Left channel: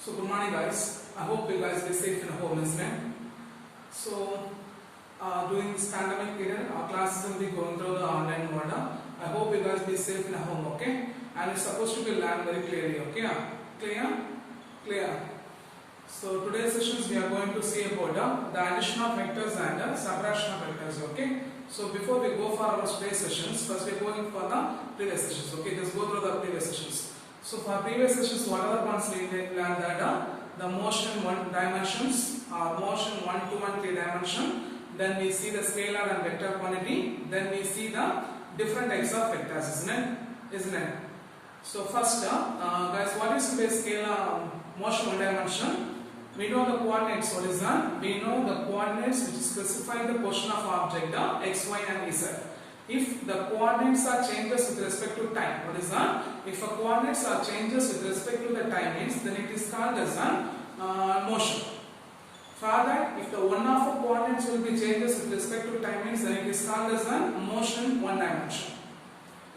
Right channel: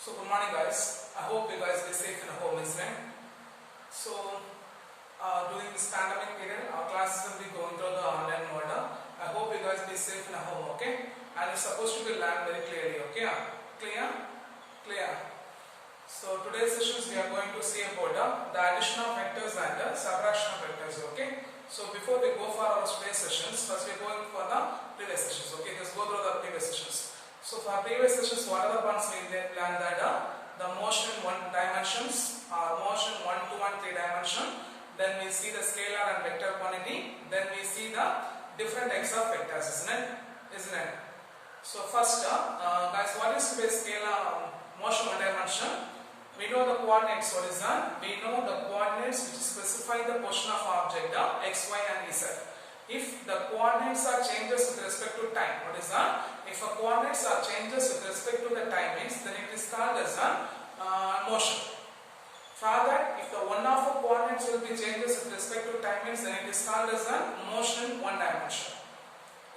So good morning guys. I hope you guys be safe in home, isn't it? So during this pandemic period, our classes will be going through the online mode. I hope you guys be safe in home, okay? And it's supposed to be learned very clearly, okay? Clear? Clear. So today's sessions we are going to see about the addition of vectors and the subtraction of vectors, okay? So before we go for our today's sessions, first we are going for the previous sessions, okay? Just go through the previous sessions. So for previous sessions, what are the ones we learned that the motion in one dimensions, motion 1, 2 and 3 dimension. Then we see the scalar and vector quantity. Then we see the different types of vectors, isn't it? Isn't it? So first, guys, what is the scalar motion one dimension? We know the coordinates. What is that? We know the coordinates which specify the position of object, x, y and z. If the coordinates are changes with respect to time, what is that? If the coordinates are changes with respect to the time means, then it is called as motion. For that, if the one of the coordinates will be changes with respect to time means, then it is called as motion in one dimension.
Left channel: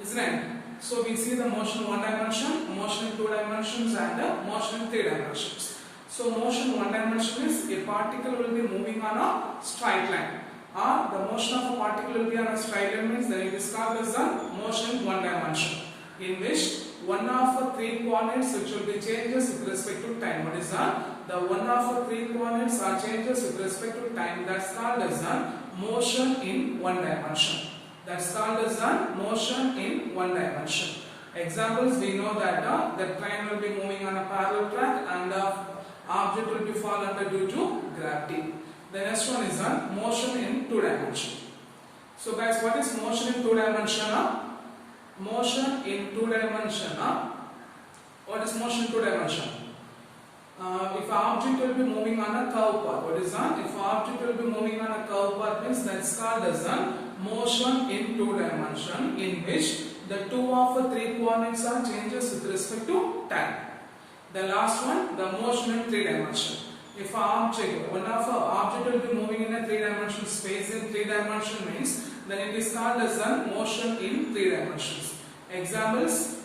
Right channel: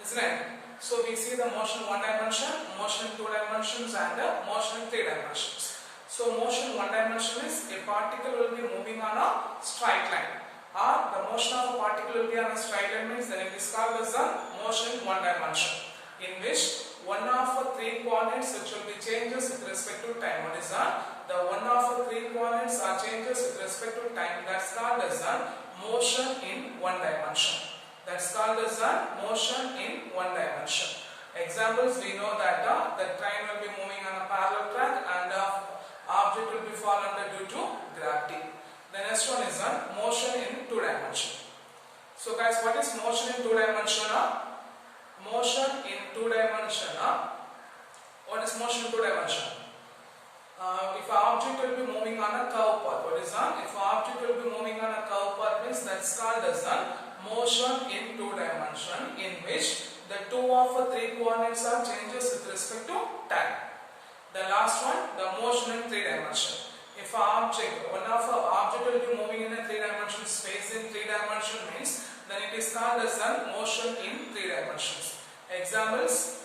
Isn't it? So we see the motion in one dimension, motion in two dimensions and the motion in three dimensions. So motion in one dimension is a particle will be moving on a straight line. Or the motion of a particle will be on a straight line means then it is called as a motion in one dimension, in which one of the three coordinates which will be changes with respect to time. What is that? The one of the three coordinates are changes with respect to time. That's called as a motion in one dimension. That's called as a motion in one dimension. Examples, we know that the train will be moving on a parallel track and the object will be fall under due to gravity. The next one is motion in two dimension. So guys, what is motion in two dimension? Motion in two dimension. What is motion in two dimension? If an object will be moving on a curve path, what is that? If an object will be moving on a curve path means that's called as motion in two dimension, in which the two of the three coordinates are changes with respect to time. The last one, the motion in three dimension. If an object, one of the object will be moving in a three-dimensional space in three dimension means, then it is called as a motion in three dimensions. Examples,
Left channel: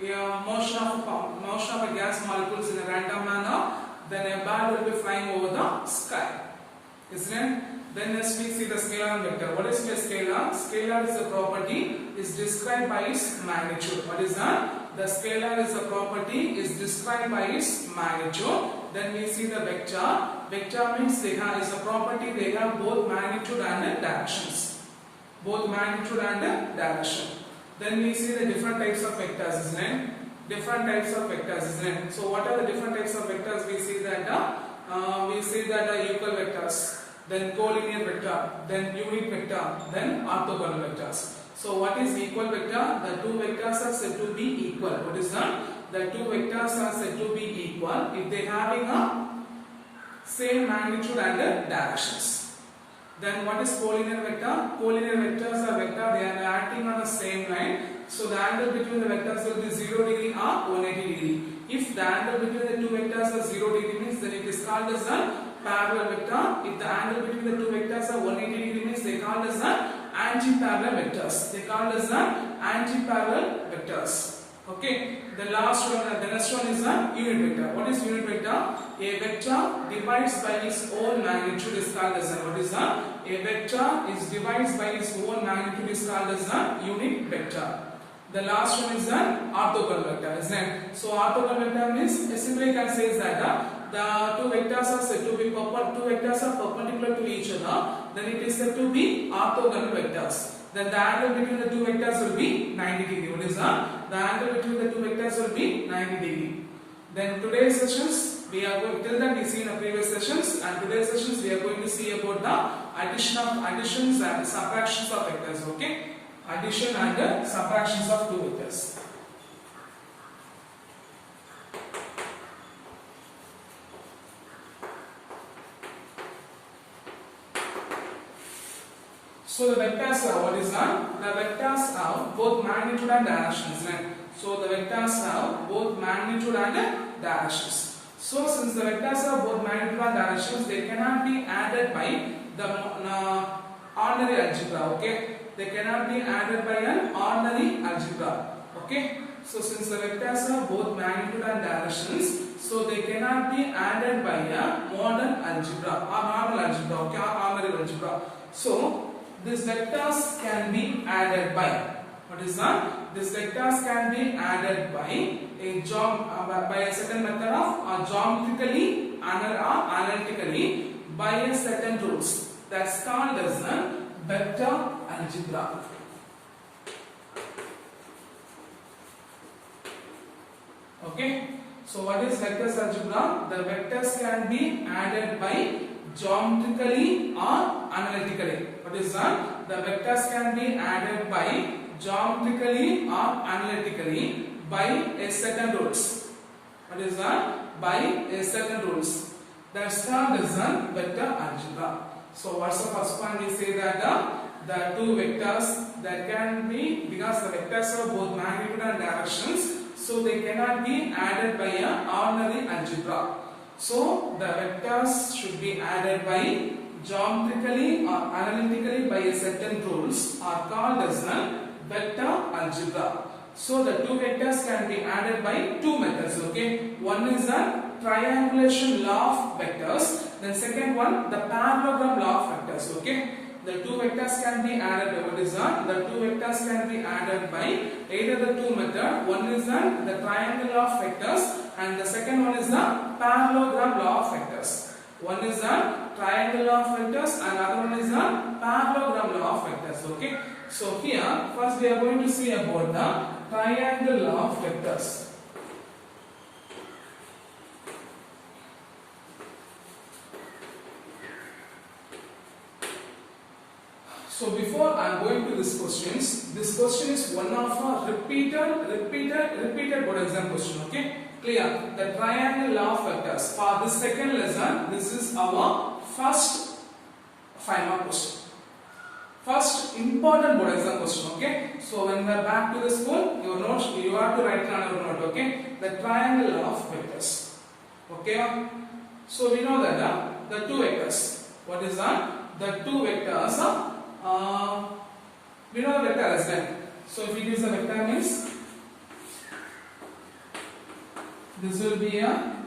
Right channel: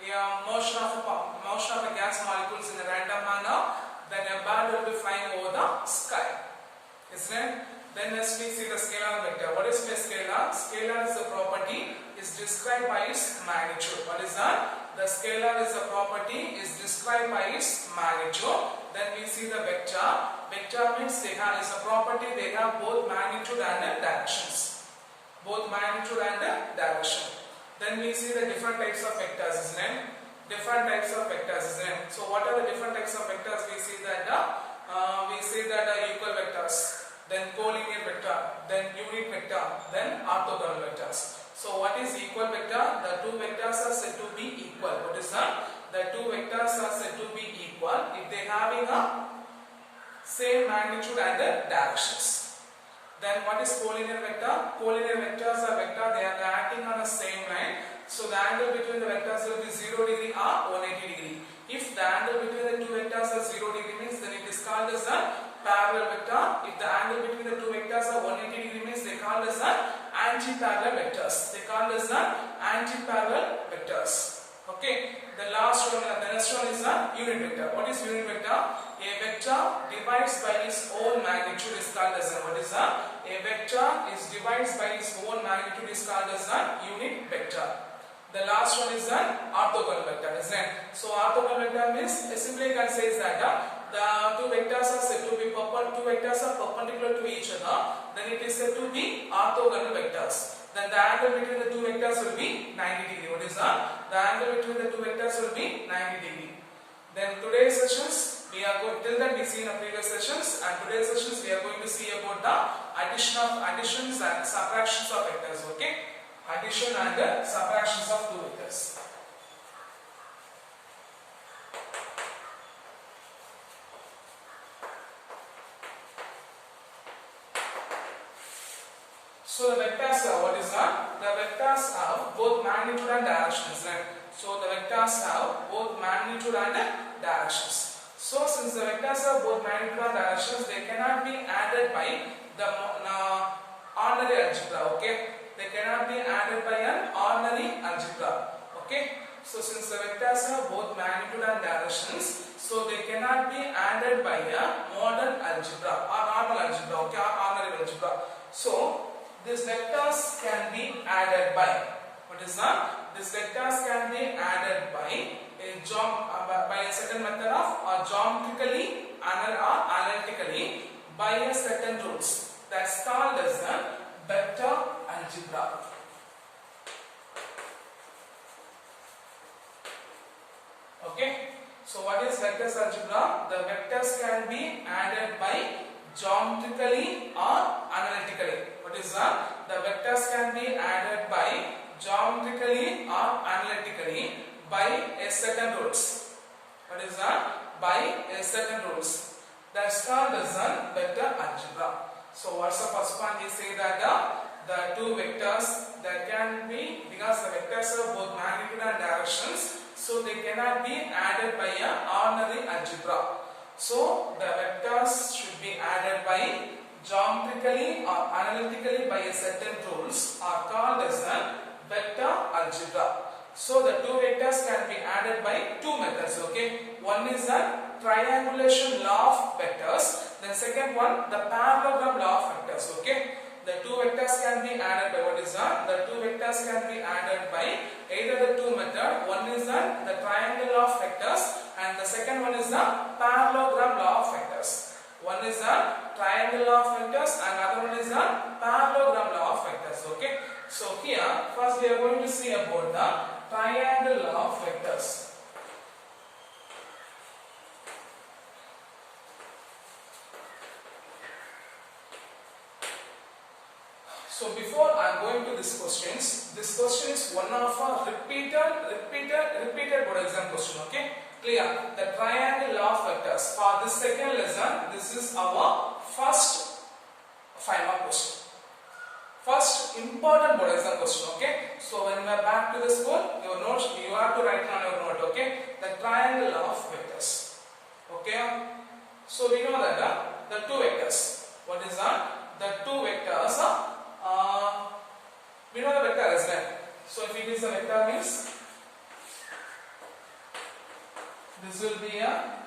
motion of a gas molecules in a random manner, then a ball will be flying over the sky. Isn't it? Then next we see the scalar and vector. What is a scalar? Scalar is a property is described by its magnitude. What is that? The scalar is a property is described by its magnitude. Then we see the vector. Vector means they have is a property. They have both magnitude and directions. Both magnitude and direction. Then we see the different types of vectors, isn't it? Different types of vectors, isn't it? So what are the different types of vectors? We see that equal vectors, then collinear vector, then unit vector, then orthogonal vectors. So what is equal vector? The two vectors are said to be equal. What is that? The two vectors are said to be equal if they having a same magnitude and directions. Then what is collinear vector? Collinear vectors are vector, they are acting on the same line. So the angle between the vectors will be 0 degree or 180 degree. If the angle between the two vectors are 0 degree means then it is called as a parallel vector. If the angle between the two vectors are 180 degree means they called as anti-parallel vectors. They called as anti-parallel vectors. Okay. The last one, the next one is a unit vector. What is unit vector? A vector divides by its own magnitude is called as what is a vector is divides by its own magnitude is called as a unit vector. The last one is an orthogonal vector, isn't it? So orthogonal vector means simply you can say is that the two vectors are said to be perpendicular to each other. Then it is said to be orthogonal vectors. Then the angle between the two vectors will be 90 degree. What is that? The angle between the two vectors will be 90 degree. Then today's sessions we are going till that we see in the previous sessions, and today's sessions we are going to see about the additions and subtractions of vectors. Okay, addition and subtractions of two vectors. So the vectors are what is that? The vectors have both magnitude and directions, right? So the vectors have both magnitude and directions. So since the vectors have both magnitude and directions, they cannot be added by the ordinary algebra. Okay, they cannot be added by an ordinary algebra. Okay. So since the vectors are both magnitude and directions, so they cannot be added by a modern algebra or normal algebra, okay, or ordinary algebra. So these vectors can be added by, what is that? These vectors can be added by a certain method of geometrically or analytically by a certain rules. That's called as a vector algebra. Okay. So what is vectors algebra? The vectors can be added by geometrically or analytically. What is that? The vectors can be added by geometrically or analytically by a certain rules. What is that? By a certain rules. That's called as a vector algebra. So what's the first one? We say that the two vectors that can be, because the vectors are both magnitude and directions, so they cannot be added by an ordinary algebra. So the vectors should be added by geometrically or analytically by a certain rules are called as a vector algebra. So the two vectors can be added by two methods. Okay, one is the triangulation law of vectors. The second one, the parallelogram law of vectors. Okay. The two vectors can be added by, what is that? The two vectors can be added by either the two method. One is the triangle law of vectors and the second one is the parallelogram law of vectors. One is the triangle law of vectors and other one is the parallelogram law of vectors. Okay. So here first we are going to see about the triangle law of vectors. So before I am going to these questions, this question is one of a repeated board exam question. Okay, clear? The triangle law of vectors. For this second lesson, this is our first 5 mark question. First important board exam question. Okay, so when we are back to the school, your notes you have to write on your note. Okay, the triangle law of vectors. Okay, so we know that the two vectors. What is that? The two vectors. We know the vector as well. So if it is a vector means this will be a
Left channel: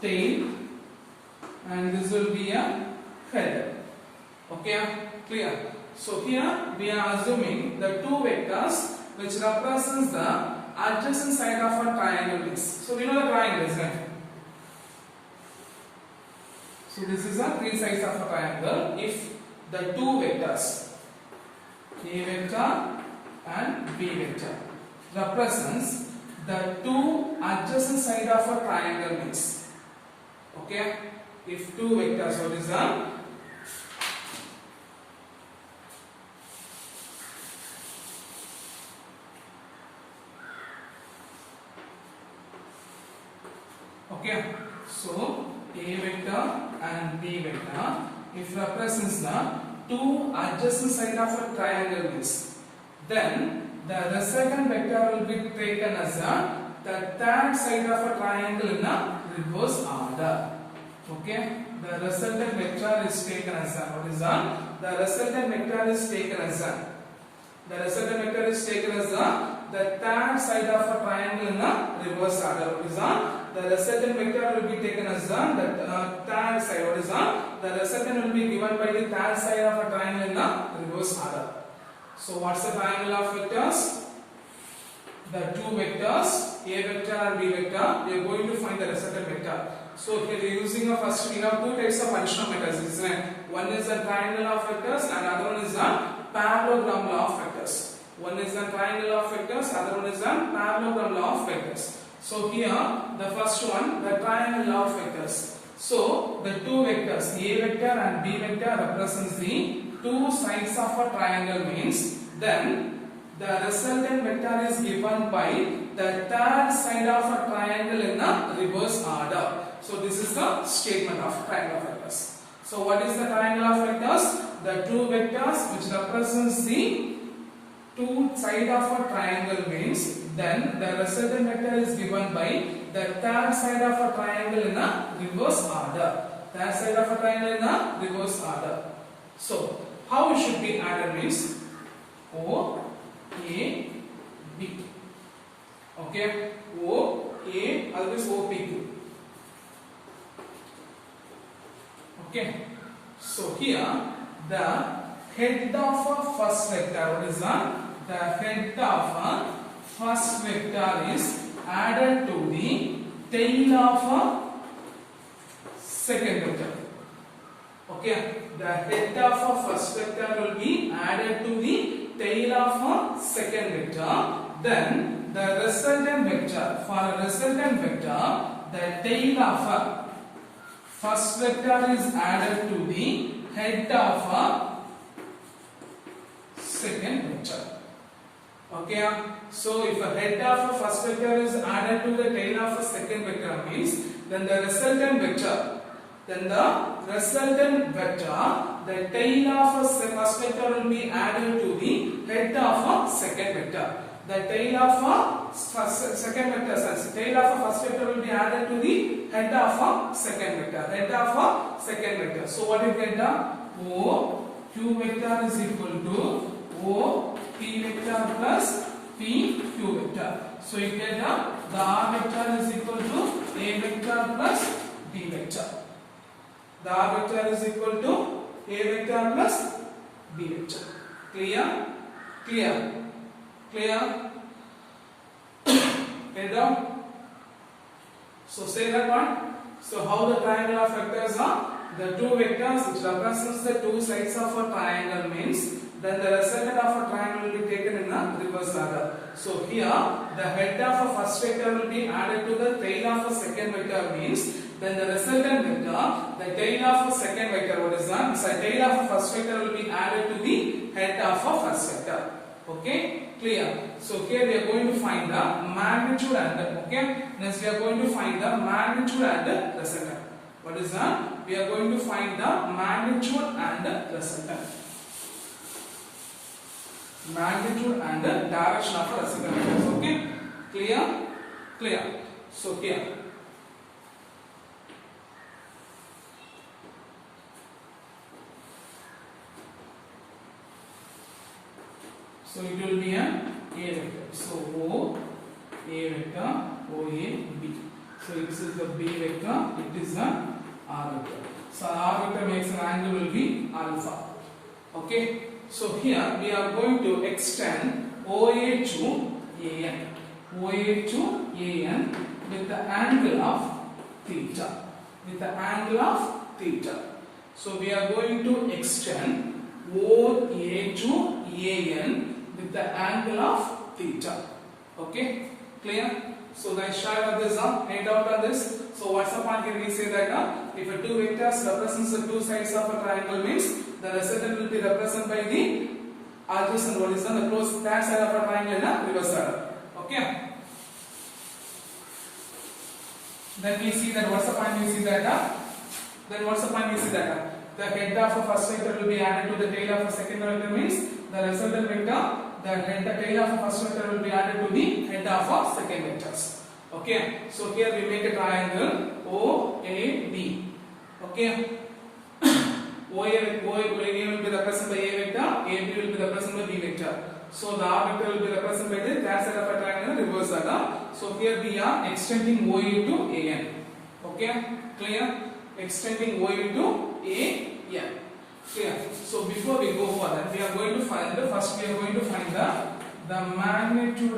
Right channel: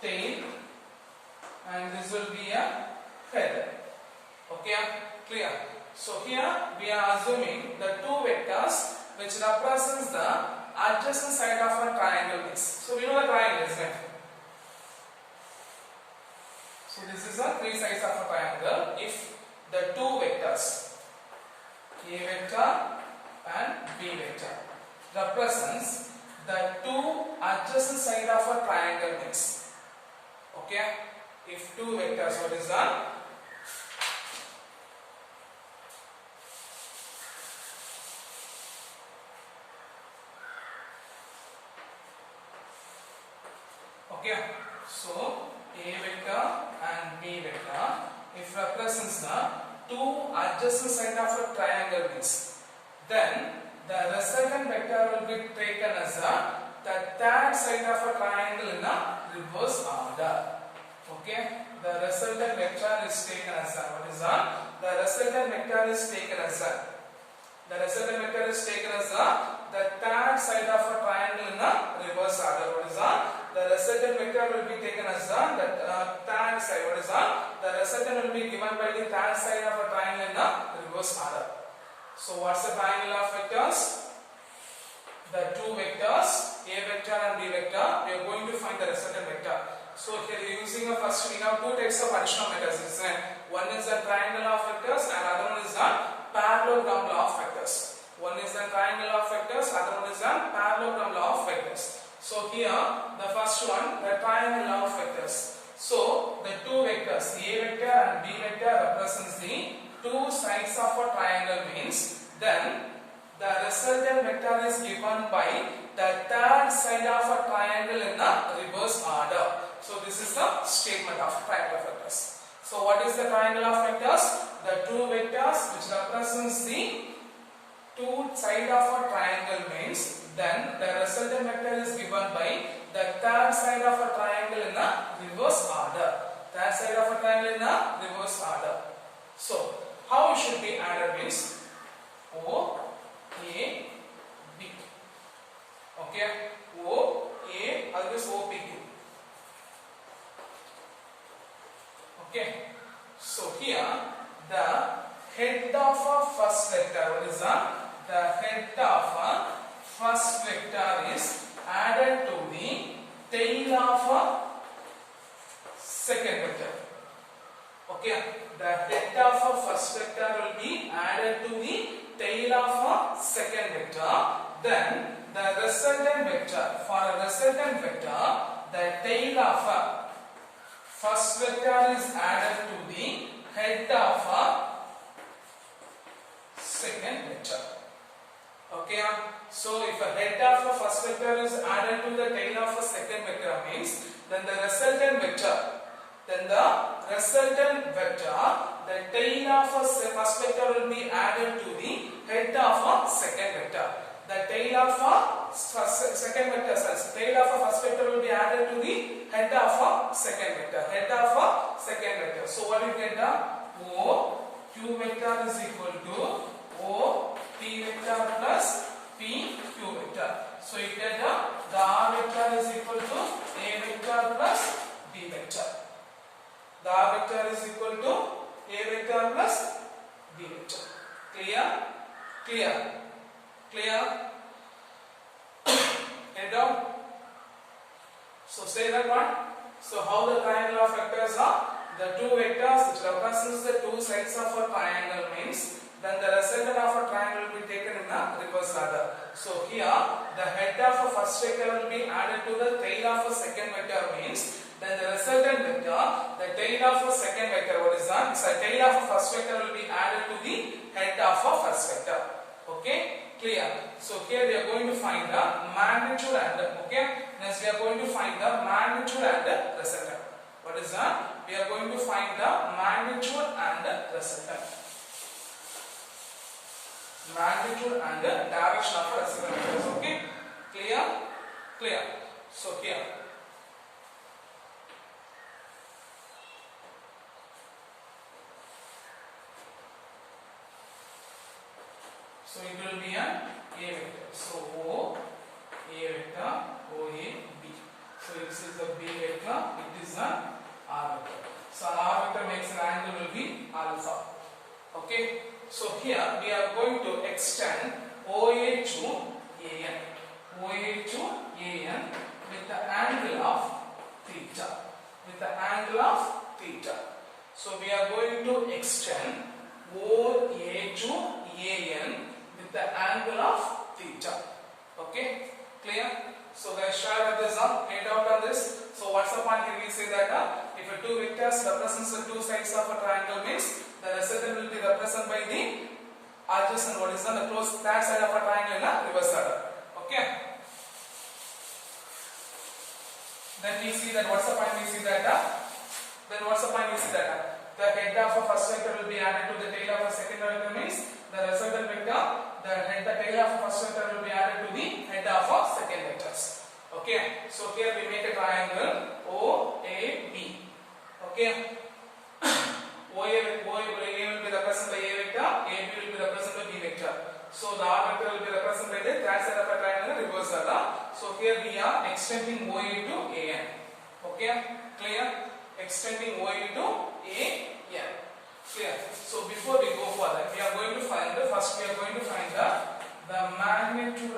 tail and this will be a head. Okay, clear? So here we are assuming the two vectors which represents the adjacent side of a triangle means. So we know the triangle, isn't it? So this is a three sides of a triangle. If the two vectors A vector and B vector represents the two adjacent side of a triangle means. Okay, if two vectors, what is that? Okay, so A vector and B vector, if represents the two adjacent side of a triangle means, then the resultant vector will be taken as the third side of a triangle in a reverse order. Okay, the resultant vector is taken as what is that? The resultant vector is taken as the third side of a triangle in a reverse order. What is that? The resultant vector will be taken as the third side. What is that? The resultant will be given by the third side of a triangle in a reverse order. So what's the triangle of vectors? The two vectors A vector and B vector. We are going to find the resultant vector. So here using a first, we have two types of additional methods, isn't it? One is the triangle of vectors and other one is the parallelogram law of vectors. One is the triangle of vectors, other one is the parallelogram law of vectors. So here the first one, the triangle law of vectors. So the two vectors A vector and B vector represents the two sides of a triangle means, then the resultant vector is given by the third side of a triangle in a reverse order. So this is the statement of triangle of vectors. So what is the triangle of vectors? The two vectors which represents the two side of a triangle means, then the resultant vector is given by the third side of a triangle in a reverse order. Third side of a triangle in a reverse order. So how it should be added means O, A, B. Okay, O A, always OPQ. Okay, so here the head of a first vector, what is that? The head of a first vector is added to the tail of a second vector. Okay, the head of a first vector will be added to the tail of a second vector. Then the resultant vector, for a resultant vector, the tail of a first vector is added to the head of a second vector. Okay, so if a head of a first vector is added to the tail of a second vector means then the resultant vector, the tail of a first vector will be added to the head of a second vector. The tail of a second vector, tail of a first vector will be added to the head of a second vector. Head of a second vector. So what you get? O Q vector is equal to O P vector plus P Q vector. So you get the R vector is equal to A vector plus B vector. The R vector is equal to A vector plus B vector. Clear? Clear? Clear? Head down. So say that one. So how the triangle of vectors are? The two vectors which represents the two sides of a triangle means then the resultant of a triangle will be taken in the reverse order. So here the head of a first vector will be added to the tail of a second vector means then the resultant vector, the tail of a second vector, what is that? So tail of a first vector will be added to the head of a first vector. Okay, clear? So here we are going to find the magnitude and okay. Next we are going to find the magnitude and resultant. What is that? We are going to find the magnitude and resultant. Magnitude and direction of a resultant. Okay, clear? Clear? So here. So it will be an A vector. So O, A vector, O, A, B. So this is the B vector, it is an R vector. So R vector makes an angle will be alpha. Okay. So here we are going to extend OA to AN. OA to AN with the angle of theta. With the angle of theta. So we are going to extend OA to AN with the angle of theta. Okay, clear? So guys, share this up, made out on this. So what's the point here? We say that if a two vectors represents the two sides of a triangle means the resultant will be represented by the adjacent, what is the close that side of a triangle in a reverse order. Okay. Then we see that what's the point? We see that then what's the point? We see that the head of a first vector will be added to the tail of a second vector means the resultant vector, the tail of a first vector will be added to the head of a second vectors. Okay. So here we make a triangle OAB. Okay. OA will be represented by A vector, AB will be represented by B vector. So the R vector will be represented by the that side of a triangle reverse order. So here we are extending OA to AN. Okay, clear? Extending OA to AN. Clear? So before we go further, we are going to find the magnitude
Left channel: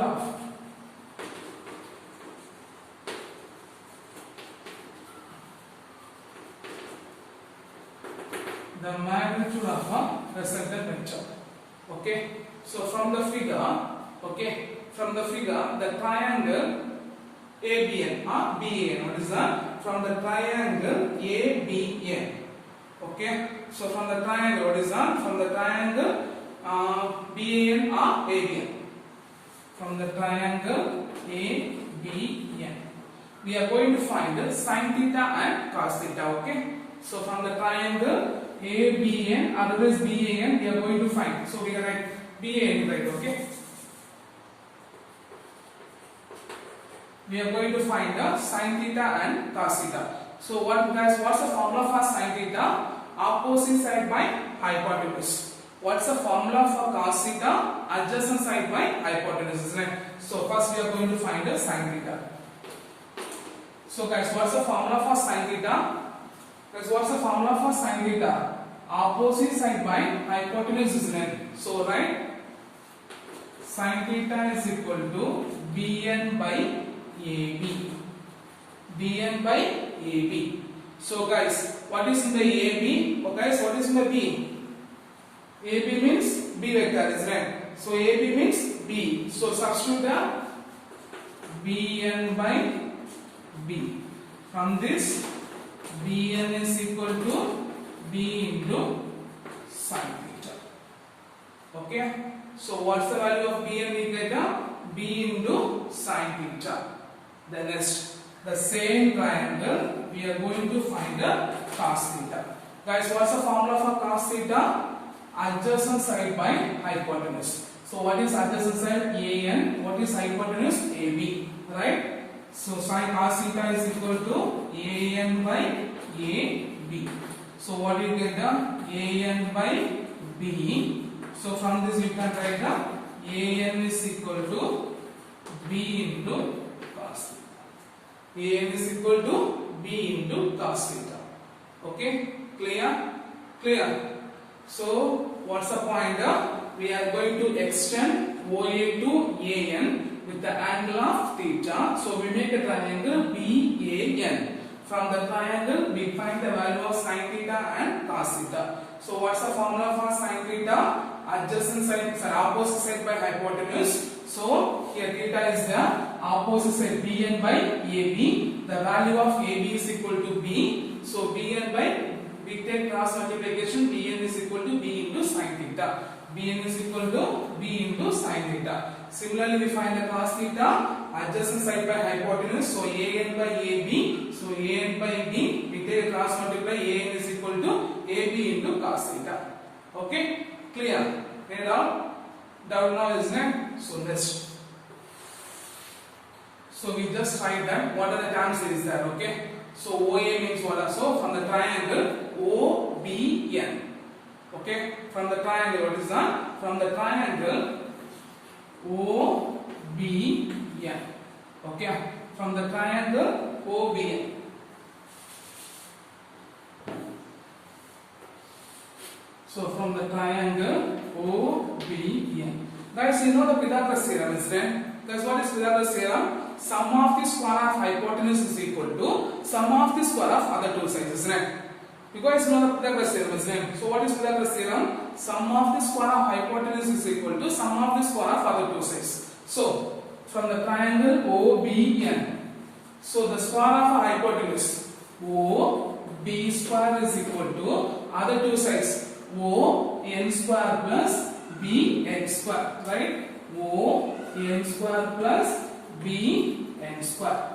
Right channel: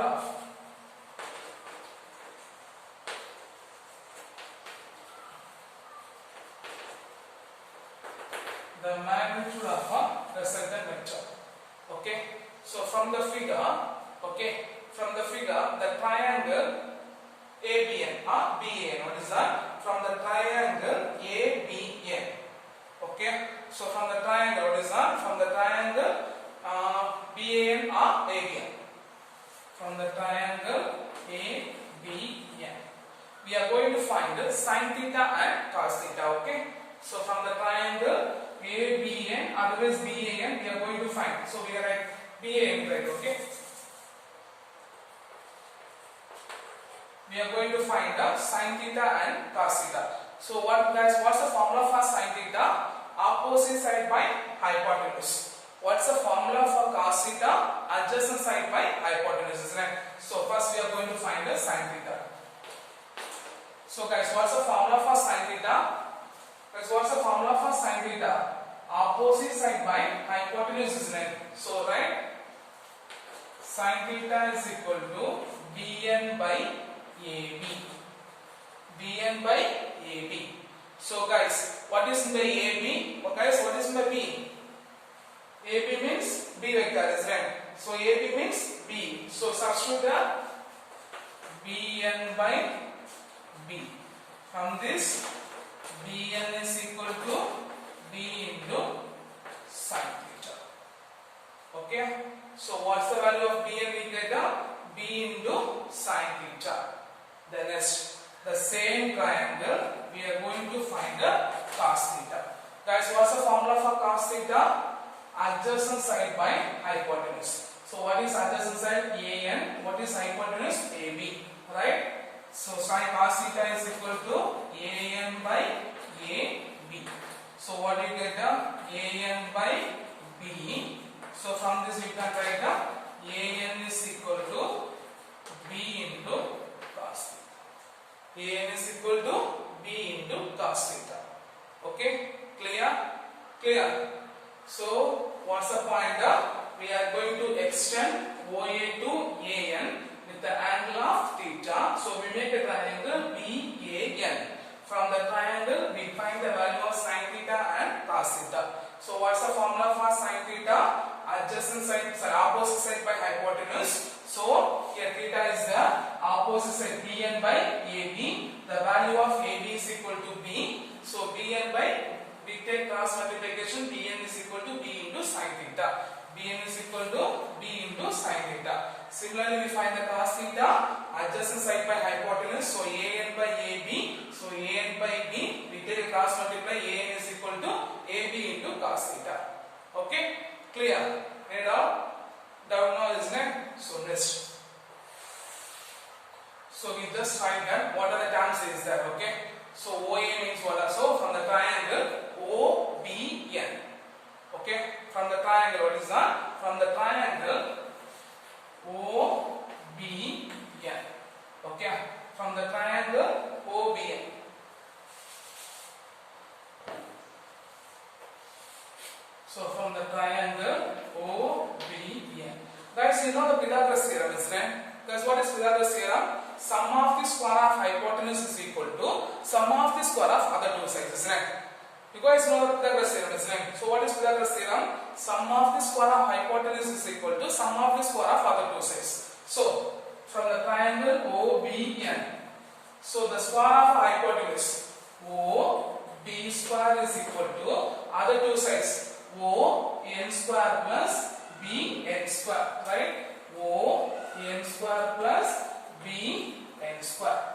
of a resultant vector. Okay. So from the figure, the triangle ABN or BAN. What is that? From the triangle ABN. Okay. So from the triangle, what is that? From the triangle BAN or ABN. From the triangle ABN, we are going to find sin theta and cos theta. Okay. So from the triangle ABN, otherwise BAN, we are going to find. So we are at BAN, right? Okay. We are going to find sin theta and cos theta. So what guys? What's the formula for sin theta? Opposite side by hypotenuse. What's the formula for cos theta? Adjacent side by hypotenuse, isn't it? So first we are going to find the sin theta. So guys, what's the formula for sin theta? Guys, what's the formula for sin theta? Opposite side by hypotenuse, isn't it? So right, sin theta is equal to bn by ab. bn by ab. So guys, what is by ab? Oh, guys, what is by b? AB means b vector, isn't it? So AB means b. So substitute the bn by b. From this, bn is equal to b into sin theta. Okay. So what's the value of bn? We get b into sin theta. The next, the same triangle, we are going to find the cos theta. Guys, what's the formula for cos theta? Adjacent side by hypotenuse. So what is adjacent side? AN. What is hypotenuse? AB. Right? So sin cos theta is equal to AN by AB. So what do you get? AN by B. So from this we can write AN is equal to B into cos theta. AN is equal to B into cos theta. Okay? Clear? Clear? So what's the point? We are going to extend OA to AN with the angle of theta. So we make a triangle BAN. From the triangle we find the value of sin theta and cos theta. So what's the formula for sin theta? Adjacent side, opposite side by hypotenuse. So here theta is the opposite side BN by AB. The value of AB is equal to B. So BN by, we take cross multiplication, BN is equal to B into sin theta. BN is equal to B into sin theta. Similarly, we find the cos theta, adjacent side by hypotenuse. So AN by AB. So AN by B, we take a cross multiply, AN is equal to AB into cos theta. Okay? Clear? Any doubt? Doubt now, isn't it? So next. So we just find that what are the terms is that, okay? So OA means what? So from the triangle OBN. Okay? From the triangle, what is that? From the triangle OBN. Okay? From the triangle OBN. So from the triangle OBN. Guys, you know the Pythagoras theorem, isn't it? Guys, what is Pythagoras theorem? Sum of the square of hypotenuse is equal to sum of the square of other two sides, isn't it? You guys know the Pythagoras theorem, isn't it? So what is Pythagoras theorem? Sum of the square of hypotenuse is equal to sum of the square of other two sides. So from the triangle OBN, so the square of hypotenuse OB square is equal to other two sides ON square plus BN square, right? ON square plus BN square.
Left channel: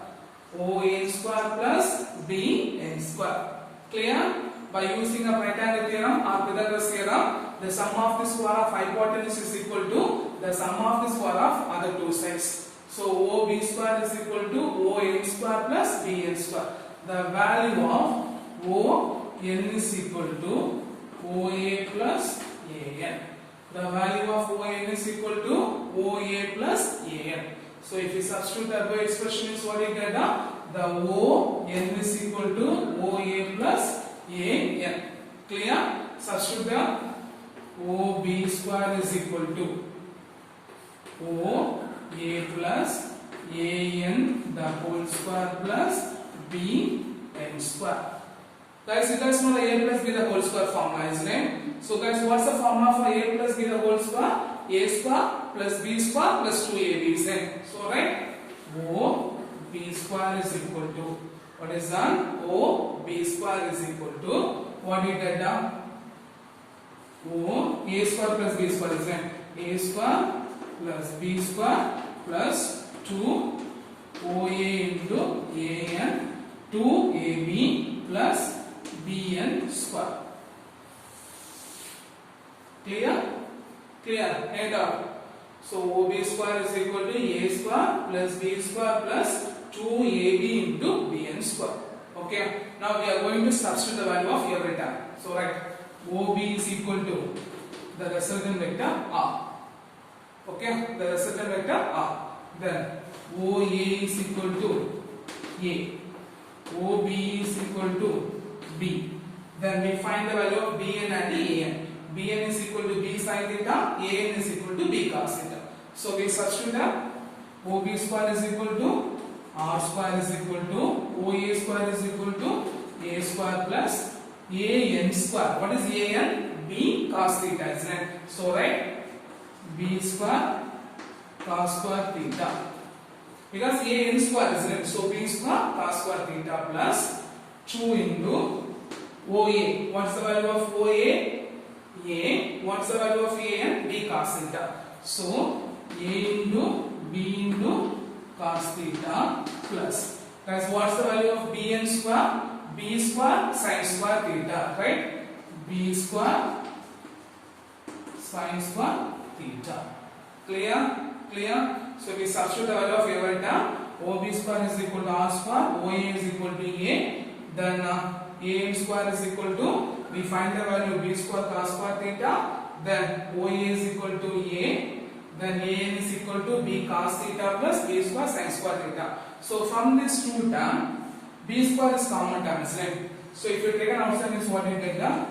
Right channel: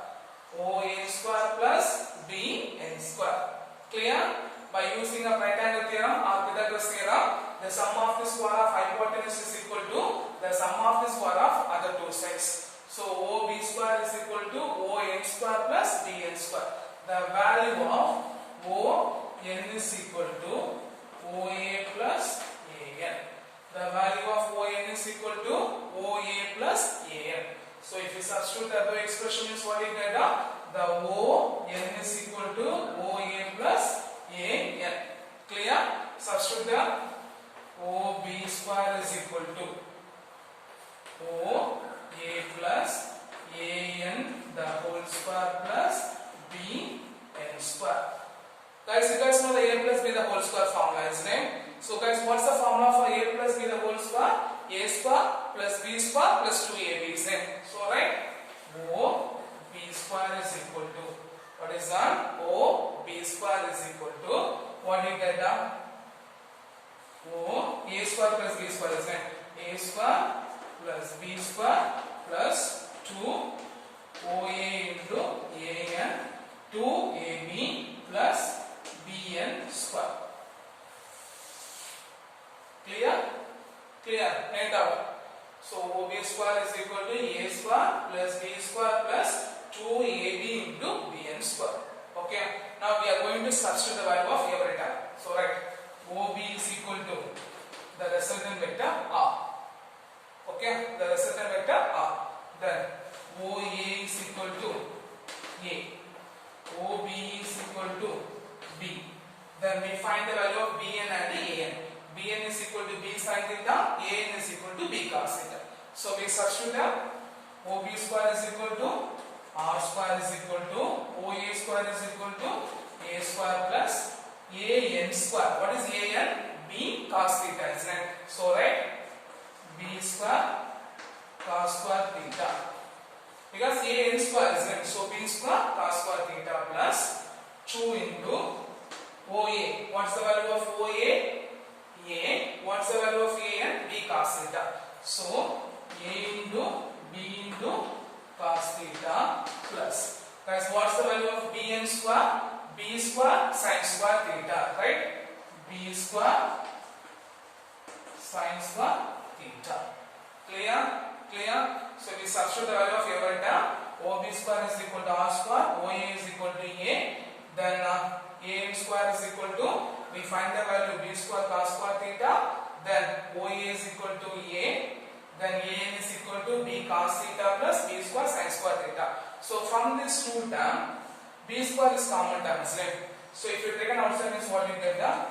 ON square plus BN square. Clear? By using a right angle theorem or Pythagoras theorem, the sum of the square of hypotenuse is equal to the sum of the square of other two sides. So OB square is equal to ON square plus BN square. The value of ON is equal to OA plus AN. The value of ON is equal to OA plus AN. So if you substitute the above expression is what you get? The ON is equal to OA plus AN. Clear? Substitute the OB square is equal to OA plus AN the whole square plus BN square. Guys, you guys know the A plus B the whole square formula, isn't it? So guys, what's the formula for A plus B the whole square? A square plus B square plus 2AB, isn't it? So right, O B square is equal to, what is that? O B square is equal to, what do you get down? O A square plus B square, isn't it? A square plus B square plus 2 OA into AN 2AB plus BN square. Clear? Clear? End up. So OB square is equal to A square plus B square plus 2AB into BN square. Okay. Now we are going to substitute the value of every time. So right, OB is equal to the resultant vector R. Okay, the resultant vector R. then OA is equal to A, OB is equal to B. Then we find the value of Bn and An. Bn is equal to B sin theta, An is equal to B cos theta. So we substitute OB square is equal to R square is equal to OA square is equal to A square plus AN square. What is AN? B cos theta, isn't it? So right, B square cos square theta. Because AN square, isn't it? So B square cos square theta plus 2 into OA. What's the value of OA? A. What's the value of AN? B cos theta. So A into B into cos theta plus. Guys, what's the value of Bn square? B square sin square theta, right? B square sin square theta. Clear? Clear? So we substitute the value of A vector. OB square is equal to R square. OA is equal to A. Then AN square is equal to, we find the value B square cos square theta. Then OA is equal to A. Then AN is equal to B cos theta plus B square sin square theta. So from this two term, B square is common term, right? So if you take an outside, means what you get? The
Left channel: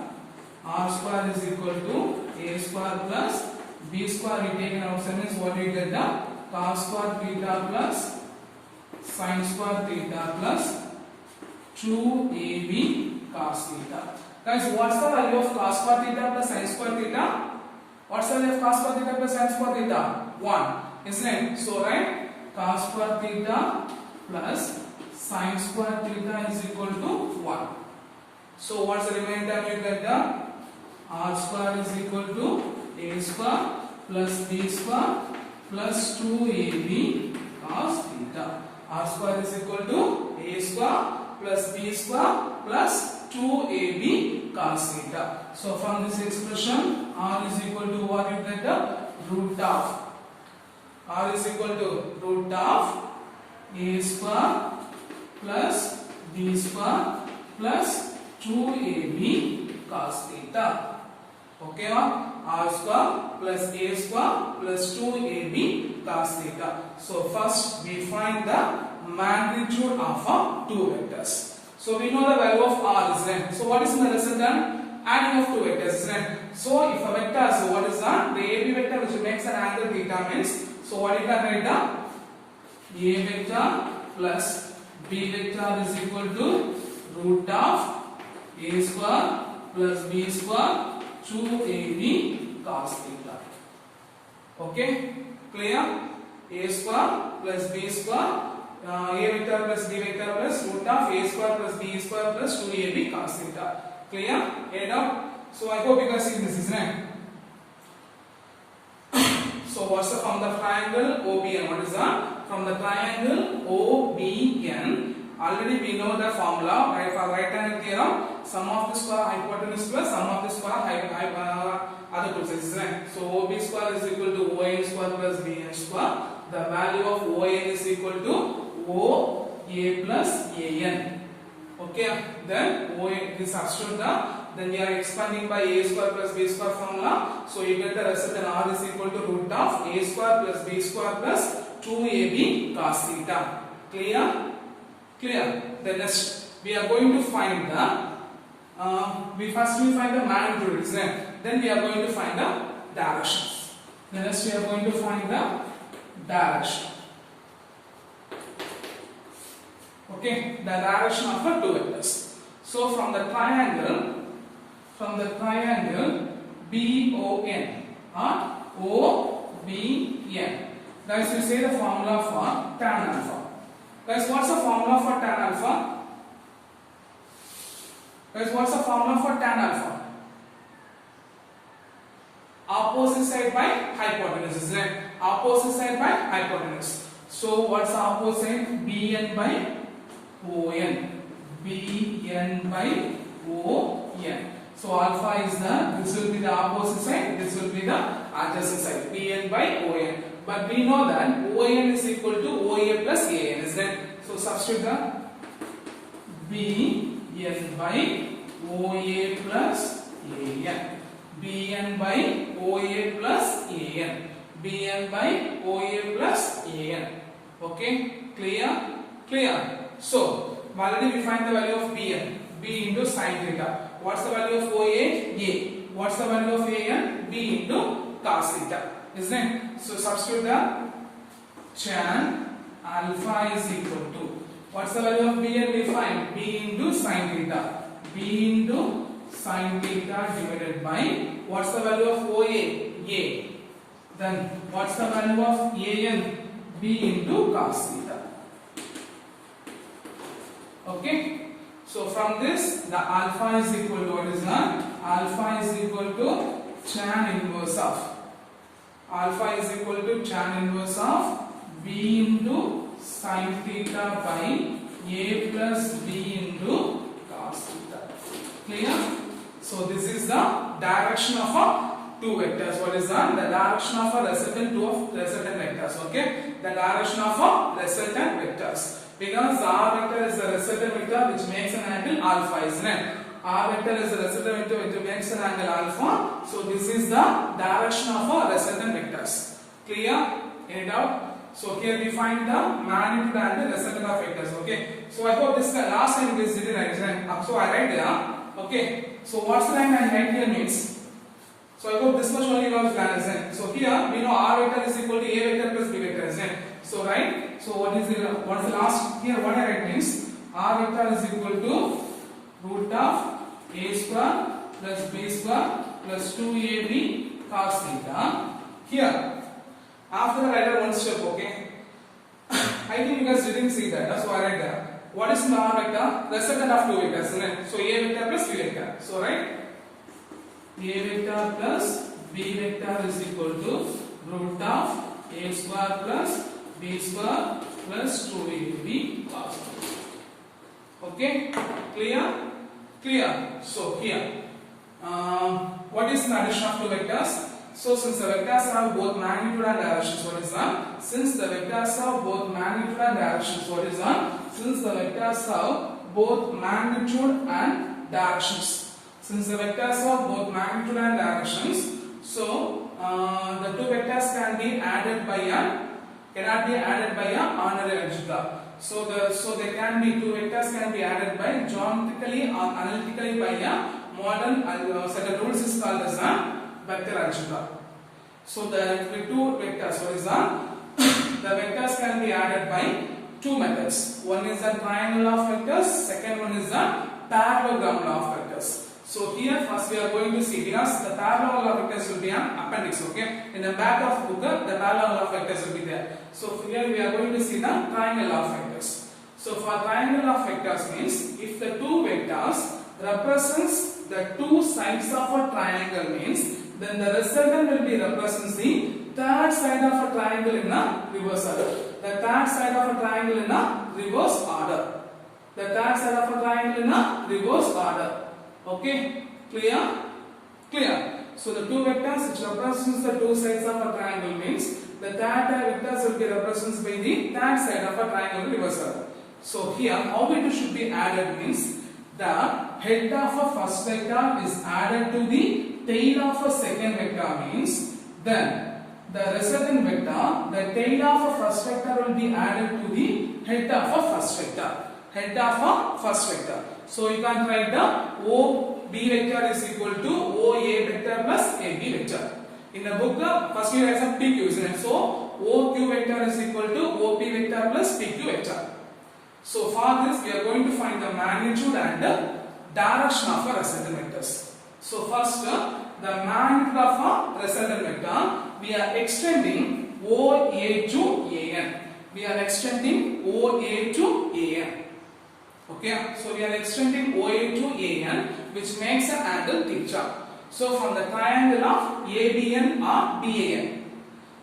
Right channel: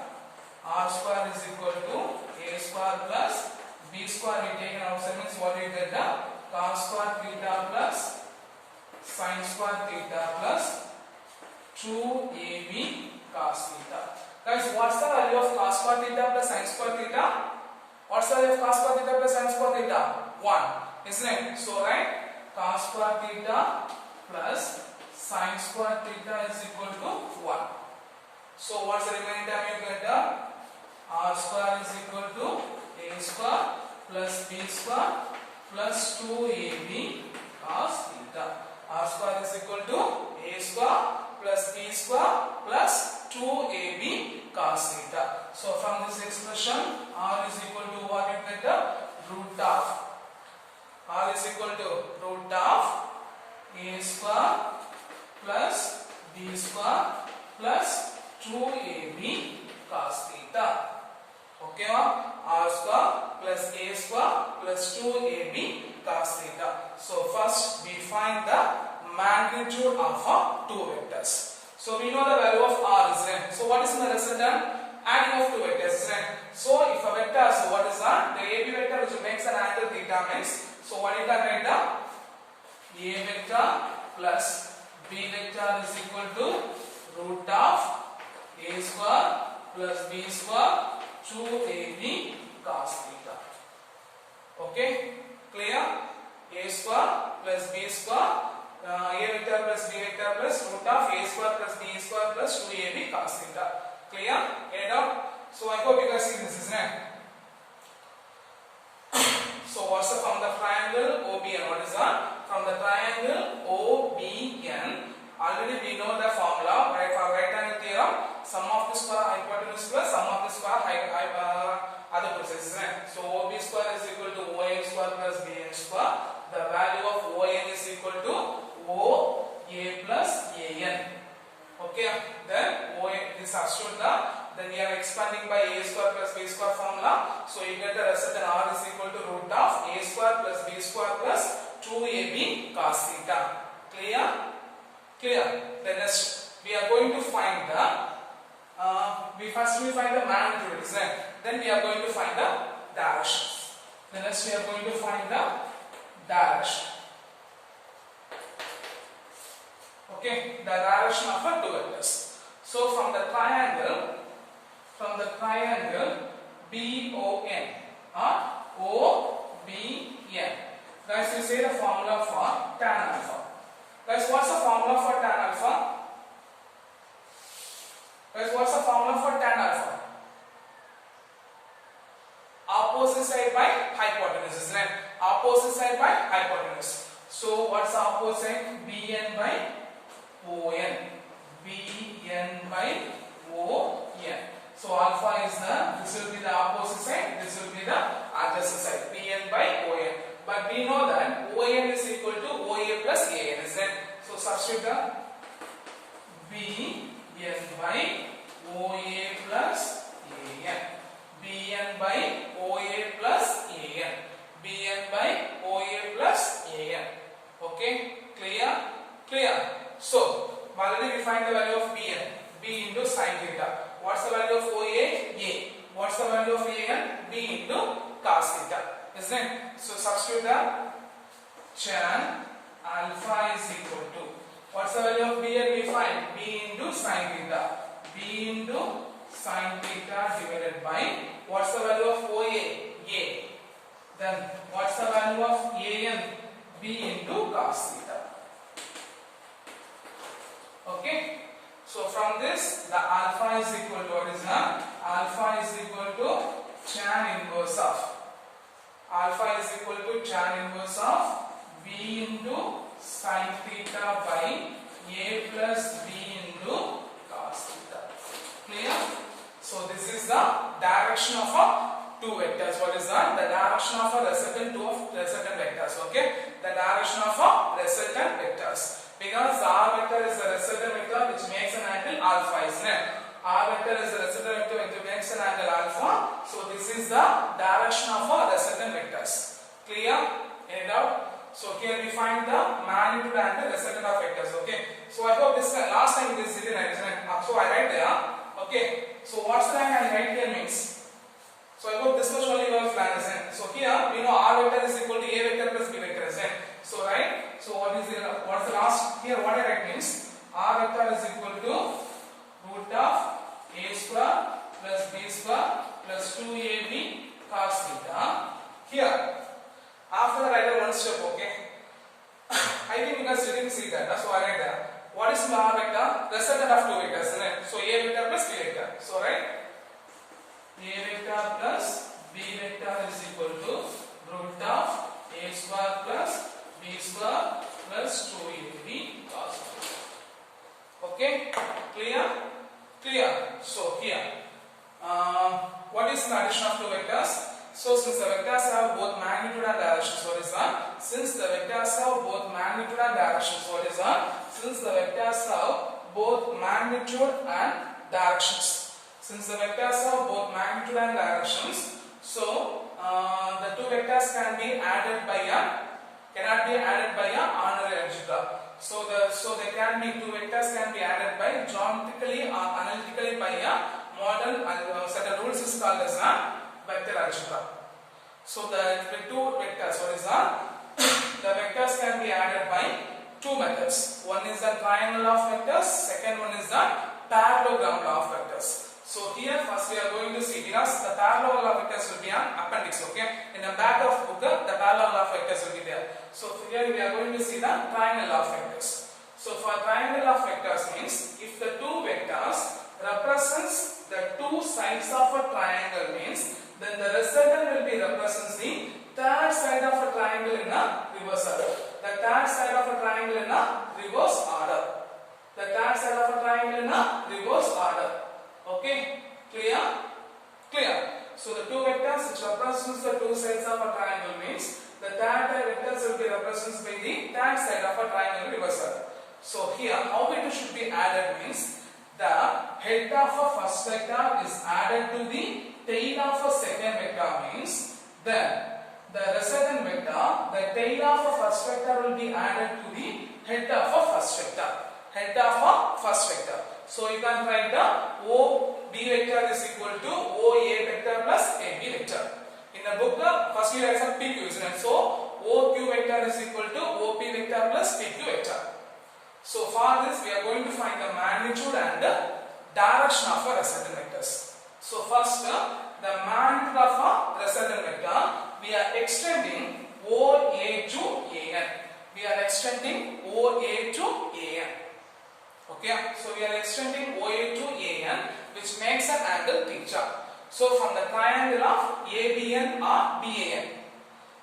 R square is equal to A square plus B square. We take an outside, means what you get? The cos square theta plus sin square theta plus 2AB cos theta. Guys, what's the value of cos square theta plus sin square theta? What's the value of cos square theta plus sin square theta? 1, isn't it? So right, cos square theta plus sin square theta is equal to 1. So what's the remaining term you get? The R square is equal to A square plus B square plus 2AB cos theta. R square is equal to A square plus B square plus 2AB cos theta. So from this expression, R is equal to what you get? The root of R is equal to root of A square plus B square plus 2AB cos theta. Okay, R square plus A square plus 2AB cos theta. So first we find the magnitude of two vectors. So we know the value of R, isn't it? So what is the resultant? Adding of two vectors, isn't it? So if a vector, so what is that? The AB vector which makes an angle theta means, so what you can write down? A vector plus B vector is equal to root of A square plus B square 2AB cos theta. Okay, clear? A square plus B square, A vector plus B vector plus root of A square plus B square plus 2AB cos theta. Clear? Add up. So I hope you guys see this, isn't it? So what's the from the triangle OBN? What is that? From the triangle OBN, already we know the formula, right? For right angle theorem, sum of the square hypotenuse plus sum of the square other two sides, isn't it? So OB square is equal to ON square plus BN square. The value of ON is equal to OA plus AN. Okay, then OA, we substitute then we are expanding by A square plus B square formula. So you get the result, then R is equal to root of A square plus B square plus 2AB cos theta. Clear? Clear? Then next we are going to find the first we find the magnitude, isn't it? Then we are going to find the direction. Then next we are going to find the direction. Okay, the direction of the two vectors. So from the triangle BON or OBN. Guys, we say the formula for tan alpha. Guys, what's the formula for tan alpha? Guys, what's the formula for tan alpha? Opposite side by hypotenuse, isn't it? Opposite side by hypotenuse. So what's the opposite? BN by ON. BN by ON. So alpha is this will be the opposite side, this will be the adjacent side. BN by ON. But we know that ON is equal to OA plus AN, isn't it? So substitute the BN by OA plus AN. BN by OA plus AN. BN by OA plus AN. Okay, clear? Clear. So, already we find the value of BN. B into sin theta. What's the value of OA? A. What's the value of AN? B into cos theta. Isn't it? So, substitute the tan alpha is equal to. What's the value of B and we find? B into sin theta. B into sin theta divided by, what's the value of OA? A. Then what's the value of AN? B into cos theta. Okay. So from this, the alpha is equal to what is that? Alpha is equal to tan inverse of. Alpha is equal to tan inverse of B into sin theta by A plus B into cos theta. Clear? So this is the direction of a two vectors. What is that? The direction of a resultant two of resultant vectors. Okay? The direction of a resultant vectors. Because R vector is the resultant vector which makes an angle alpha, isn't it? R vector is the resultant vector which makes an angle alpha. So this is the direction of a resultant vectors. Clear? Any doubt? So here we find the magnitude and the resultant of vectors. Okay. So I hope this last time this didn't write. So I write there. Okay. So what's the line I write here means? So I hope this much only was planned. So here we know R vector is equal to A vector plus B vector. Isn't it? So right. So what's the last here? What I write means R vector is equal to root of A square plus B square plus 2AB cos theta. Here. After that, I write one step, okay? I think you guys didn't see that, so I write that. What is the R vector? Resultant of two vectors, isn't it? So A vector plus B vector. So right? A vector plus B vector is equal to root of A square plus B square plus 2AB cos theta. Okay? Clear? Clear. So here, what is the addition of two vectors? So since the vectors have both magnitude and directions, what is that? Since the vectors have both magnitude and directions, what is that? Since the vectors have both magnitude and directions. Since the vectors have both magnitude and directions, so the two vectors can be added by cannot be added by a ordinary algebra. So there can be two vectors can be added by geometrically or analytically by a modern set of rules is called as a vector algebra. So the two vectors, what is that? The vectors can be added by two methods. One is the triangle law of vectors, second one is the parallelogram law of vectors. So here first we are going to see, because the parallel law of vectors will be an appendix, okay? In the back of book, the parallel law of vectors will be there. So here we are going to see the triangle law of vectors. So for triangle law of vectors means, if the two vectors represents the two sides of a triangle means, then the resultant will be represents the third side of a triangle in a reverse order. The third side of a triangle in a reverse order. The third side of a triangle in a reverse order. Okay? Clear? Clear. So the two vectors which represents the two sides of a triangle means the third vectors will be represented by the third side of a triangle in reverse order. So here how it should be added means the head of a first vector is added to the tail of a second vector means then the resultant vector, the tail of a first vector will be added to the head of a first vector. Head of a first vector. So you can write the OB vector is equal to OA vector plus AB vector. In the book, first you write some PQ, isn't it? So OQ vector is equal to OP vector plus PQ vector. So for this we are going to find the magnitude and the direction of a resultant vectors. So first the magnitude of a resultant vector, we are extending OA to AN. We are extending OA to AN. Okay, so we are extending OA to AN, which makes an angle theta. So from the triangle of ABN or BAN,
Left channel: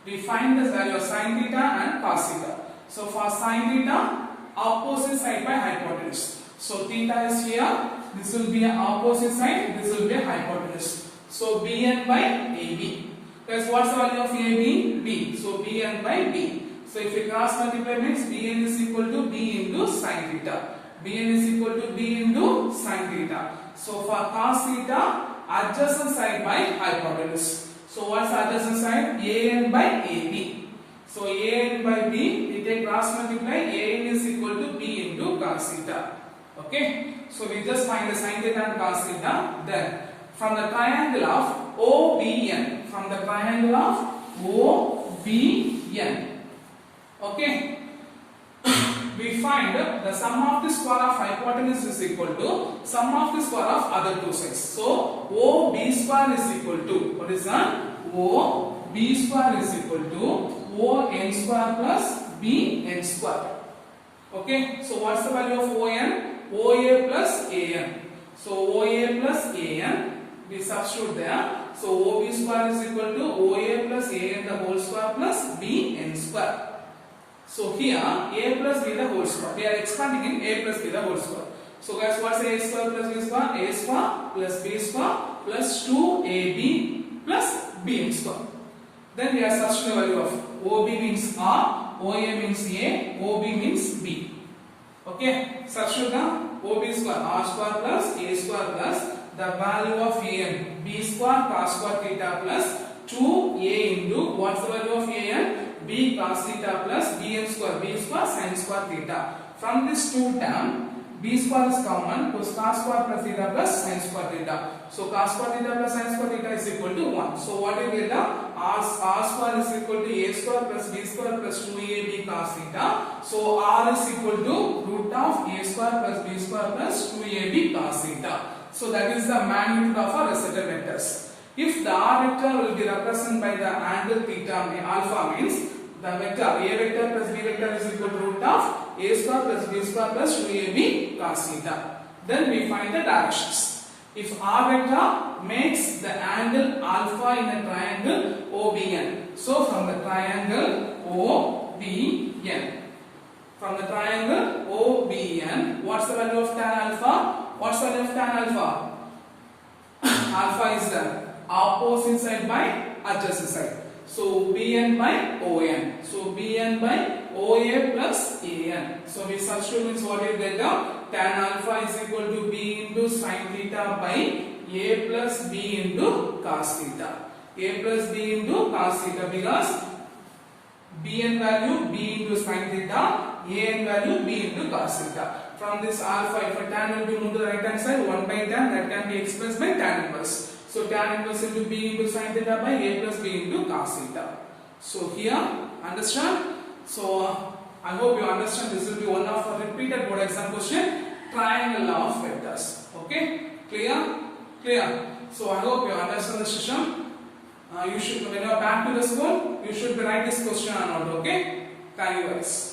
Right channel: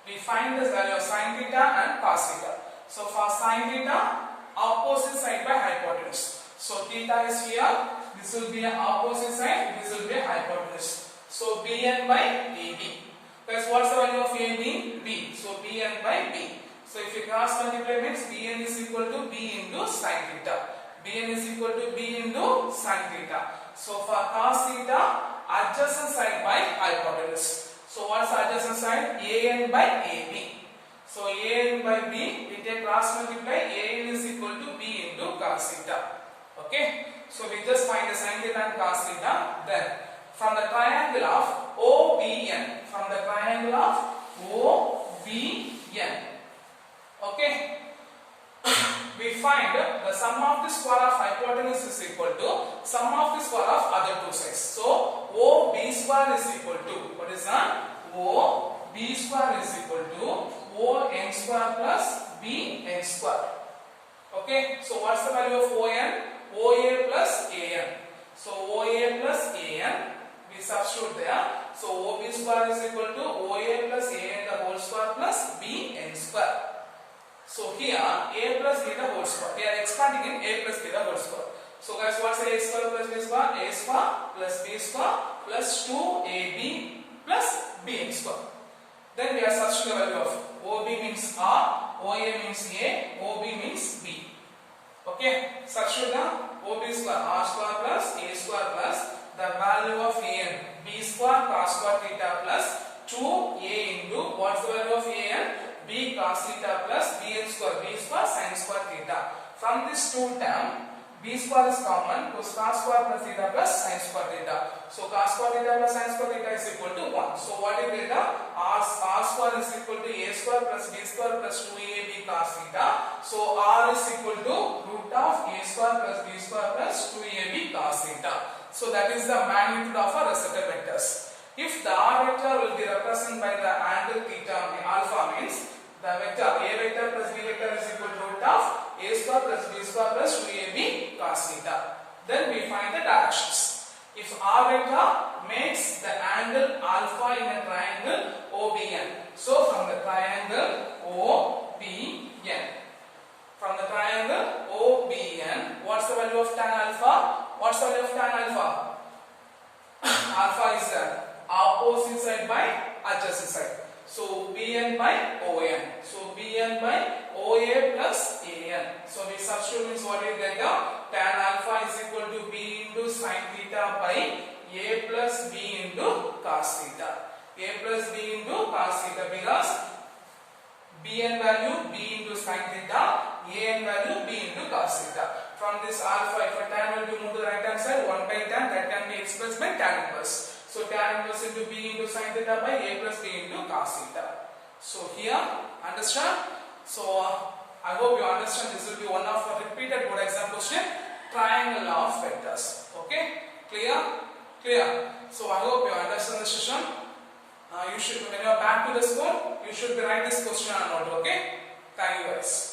we find this value of sin theta and cos theta. So for sin theta, opposite side by hypotenuse. So theta is here, this will be an opposite side, this will be a hypotenuse. So BN by AB. That's what's the value of AB? B. So BN by B. So if you cross multiply means BN is equal to B into sin theta. BN is equal to B into sin theta. So for cos theta, adjacent side by hypotenuse. So what's the adjacent side? AN by AB. So an by b, we take cross multiply, an is equal to b into cos theta. Okay, so we just find the sin theta and cos theta. Then from the triangle of OBN, from the triangle of OBN, okay, we find the sum of the square of hypotenuse is equal to sum of the square of other two sides. So OB square is equal to, what is that? OB square is equal to ON square plus BN square. Okay, so what's the value of ON? OA plus AN. So OA plus AN, we substitute there. So OB square is equal to OA plus AN the whole square plus BN square. So here a plus b the whole square. We are expanding in a plus b the whole square. So guys, what's a square plus b square? A square plus b square plus 2ab plus bn square. Then we are substituting the value of OB means R, OA means A, OB means B. Okay, substitute now. OB square R square plus A square plus the value of AN, B square cos square theta plus 2A into what's the value of AN? B cos theta plus Bn square, B square sin square theta. From this two term, B square is common, cos square plus theta plus sin square theta. So cos square theta plus sin square theta is equal to 1. So what is theta? R square is equal to A square plus B square plus 2AB cos theta. So R is equal to root of A square plus B square plus 2AB cos theta. So that is the magnitude of our recited vectors. If the R vector will be represented by the angle theta alpha, means the vector A vector plus B vector is equal to root of A square plus B square plus 2AB cos theta. Then we find the directions. If R vector makes the angle alpha in a triangle OBN. So from the triangle OBN, from the triangle OBN, what's the value of tan alpha? What's the value of tan alpha? Alpha is the opposite side by adjacent side. So Bn by ON. So Bn by OA plus AN. So we substitute means what is that? Tan alpha is equal to B into sin theta by A plus B into cos theta. A plus B into cos theta, because Bn value B into sin theta, An value B into cos theta. From this alpha, if a tan will be moved to the right hand side, 1 by tan, that can be expressed by tan inverse. So tan inverse into B into sin theta by A plus B into cos theta. So here, understand? So I hope you understand. This will be one of the repeated board exam question, triangle of vectors. Okay, clear? Clear. So I hope you understand the session. You should, when you are back to the school, you should write this question on note. Okay, thank you guys.